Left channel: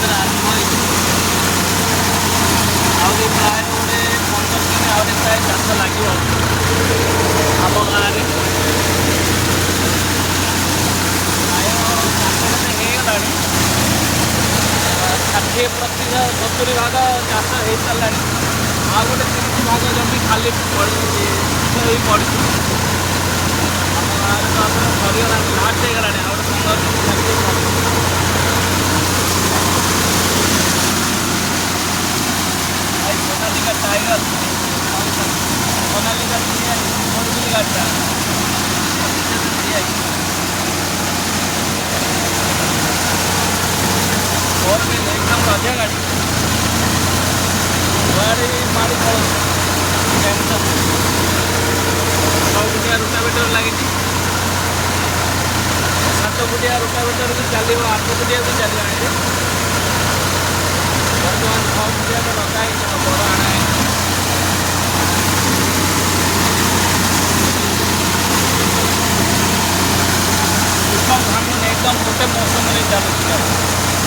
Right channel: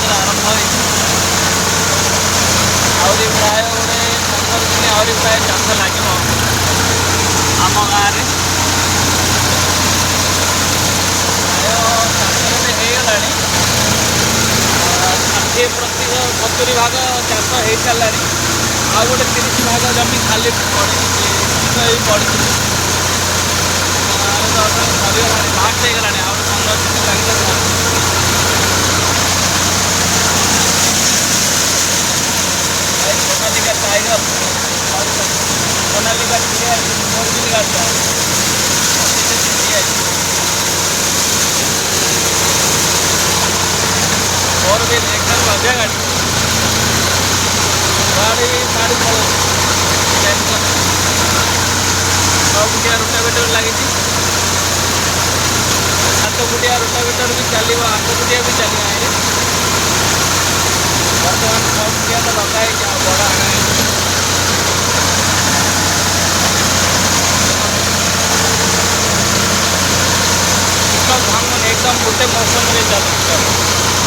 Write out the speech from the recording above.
दिन आरंभ हो प्राय गोटे 15 दिन आहरी प्राय चाष लगे आम गाँव में प्राय चाष होगला 60-70 भाग चाष हो सारा आ गोटे 30 भाग जमी खाली पड़ी पड़ी आम गाँव में तो सरीगला लास्ट होगला आ गए 15 दिन लगे सोनालिका टाइगर सोनालिका ओरिजिनल गाड़ीटा और भी एकदम मजा गाड़ी गाड़ी मारी पड़ो टेंशन 6 फुटिया रोटावेटर लगी 7 फुटिया रोटावेटर भी चलो 8 फुटिया भी चलो ये बर्तमान 6 फुटिया तो लगा है बड़ आना है एकदम धान एकदम गोटे मौसम चलती